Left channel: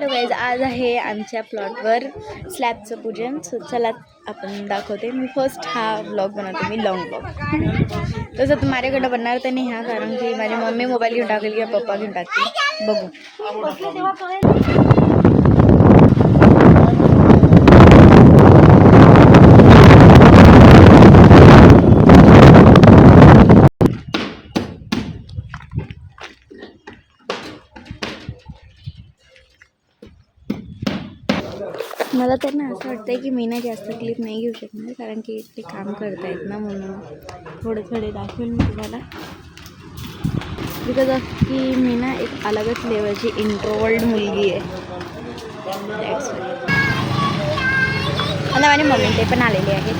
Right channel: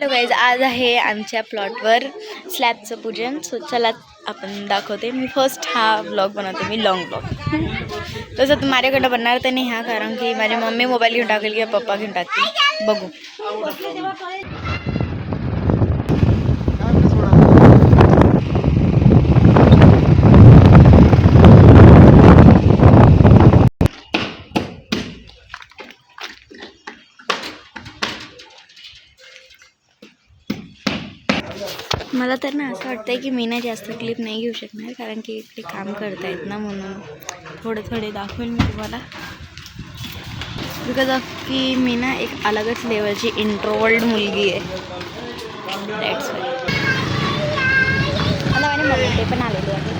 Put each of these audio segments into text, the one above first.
Hello guys, आज आहे आमच्या प्लॉटवर स्लॅबचं पूजन. सो चला आपण दाखवते. मी फर्स्ट हा व्लॉग बनवते, मी लॉंग व्लॉग. तसं माझ्याकडं बनणार तर नाही हा, कारण की माझी मम्मी मोबाईल घेऊन टाकेल किंवा पप्पा घेऊन टाकतील, बघू. मला तर ना असं वाटतंय की मी ना जास्त क्लिप नाही घेऊ शकणार, कारण की इकडे काम करतायत ना, म्हणून थोडे दाखवेल मी तुम्हाला. बिकॉज ऑफ की मी ना एक अलगच लेवलची इंट्रोवर्ड मुलगी आहे. That's why. आणि माझी मम्मी ते पण आलेले आहेत.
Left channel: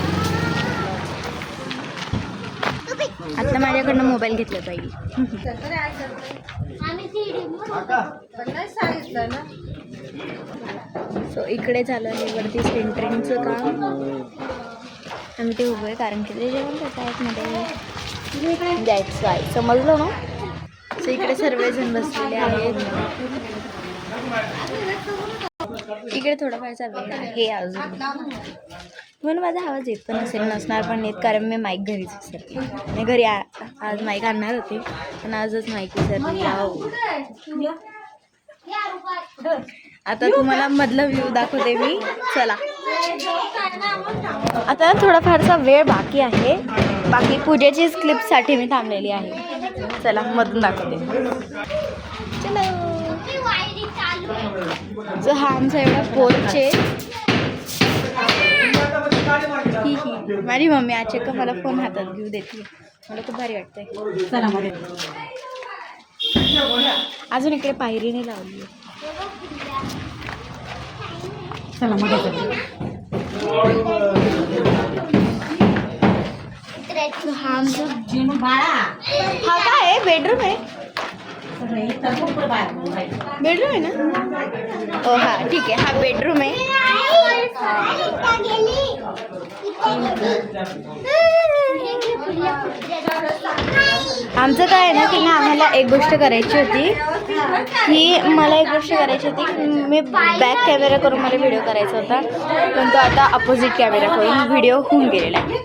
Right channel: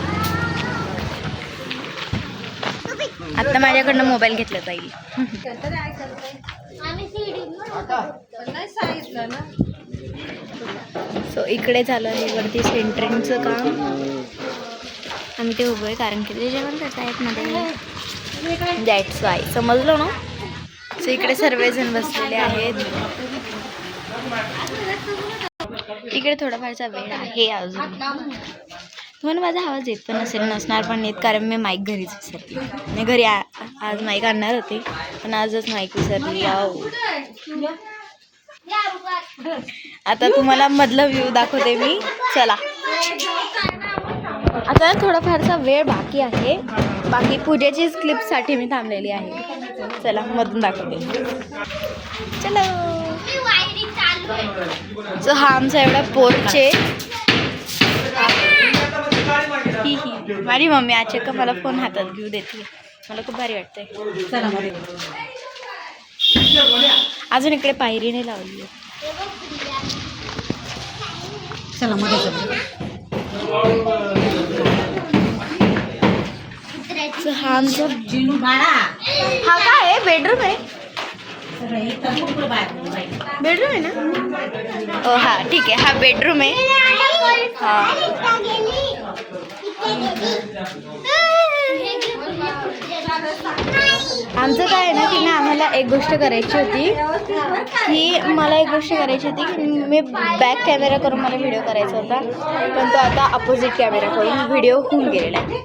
आता माझ्याकडनं मोबाईल घेतला जाईल. सो इकडे झालं आहे वरती सेंटरिंगचं काम. आम्ही ते उभं आहे कारण की ते जेवण करत आहेत मध्ये. That's why. समजलो ना. सो इकडे सर्वजण बसलेले आहेत. इकडे थोडाफारचा वेळ आहे अजून. तुम्हाला माझा आवाज येत पण नसणार पण येत, कारण मी माईक घरीच विसरली. मी घरी आज माईक आणणार होते पण आजच माईक विसरली. आता तुम्हाला मधलं व्ह्यू दाखवते मी. चला. आता थोडाफारचा वेळ बाकी आहे. बाकी पूजेचीच क्लिपसाठी मी थांबलेली आहे. चला मधून दाखवते. चलो. सो हा आमचा एवढा पोर्च आहे. माझी मम्मी आज का मला फोन हातात घेऊ देते. मला खूप भारी वाटतंय. अजून इकडे पायरी नाही लावली आहे. चला मध्ये हा आमचा हा काय आहे? बेडरूम आहे. बेडरूम आहे ना? ओ हा ठीक आहे. हा बेडरूम आहे. आमचं काय आहे ना की ना, आम्हाला एक गोष्ट करायची होती की की मी बॅक कॅमेरा करून मला व्हिडिओ करायचा होता, पण तो आता अपोजिट कॅमेरा करून व्हिडिओ होऊन गेलेला आहे.